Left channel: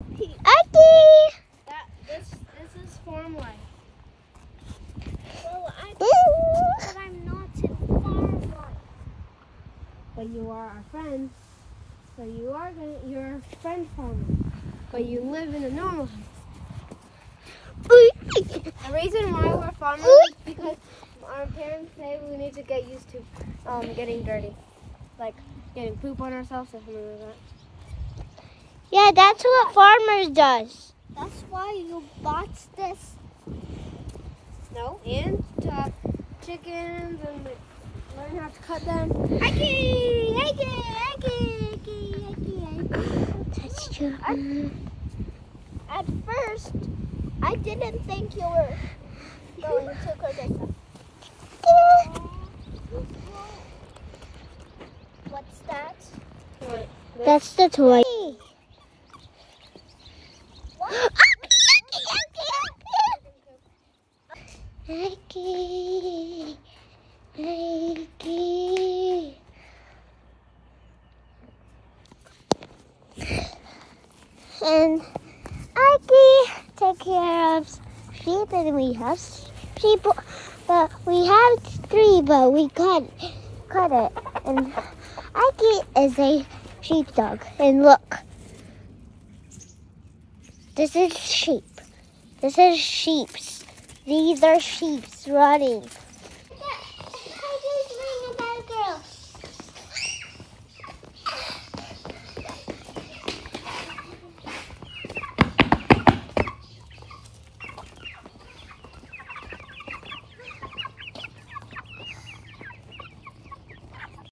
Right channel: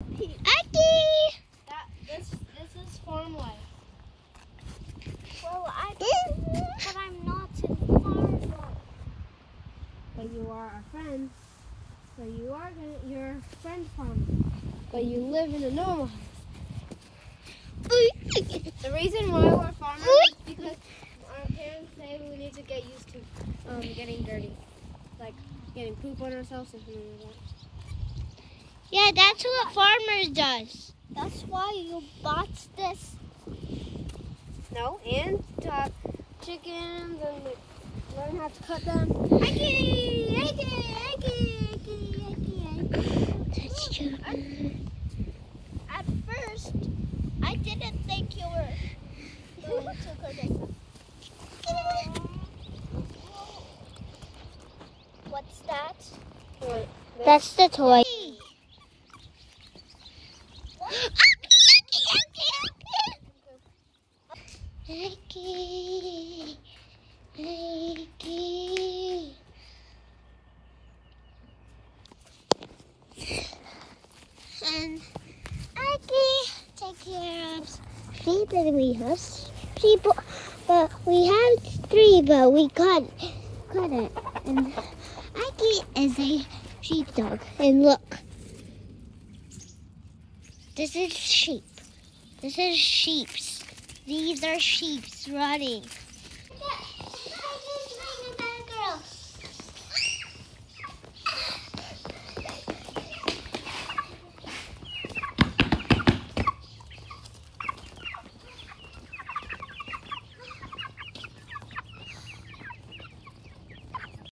This is farm life. Well, but I'm not in farm life. But you are a friend. So you're a friend farmer. But you live in a normal house. The reason why we're farmers is because our parents say we need to get used to getting dirty. Like getting poop on ourselves or something like that. Yeah, that's what farmers does. That's why you bought this. No, and to have chickens and like learn how to cut them. That's true. At first, I didn't think you were going to cook this up. What's that? That's the toy. And Ike take care of sheep, and we have sheep, but we have 3, but we cut it. And Ike is a sheepdog. And look, this is sheep. This is sheeps. These are sheeps running.